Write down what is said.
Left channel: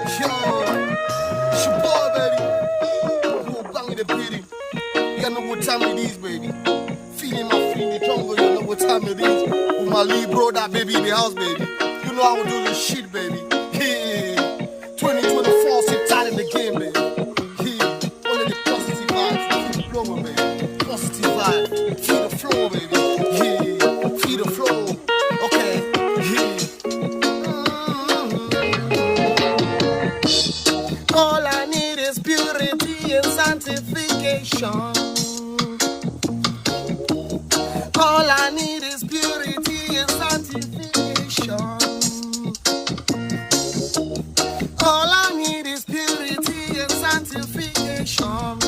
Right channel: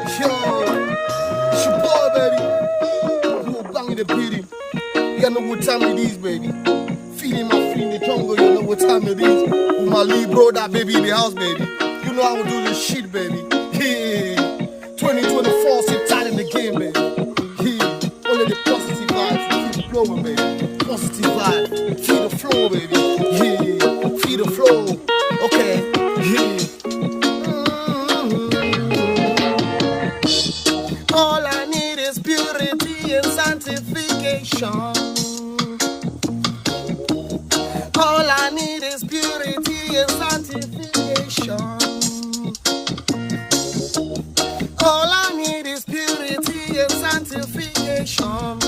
Yo, it's your boy, baby. Bouobang in the beauty. You know what time it is, baby. Feeling my feet in the jungle, you know what time it is. With my lead bro, that baby in the house, baby. You know how we do this shit, baby. Yeah. 2024, sit tight in the game, baby. Yeah. Only the positive vibes, keep it flowing, baby. Positive vibe, feel the flow, baby. Yeah. Feel the flow. Okay. Yeah. All I need is purity and sanctification. All I need is purity and sanctification. All I need is purity and sanctification.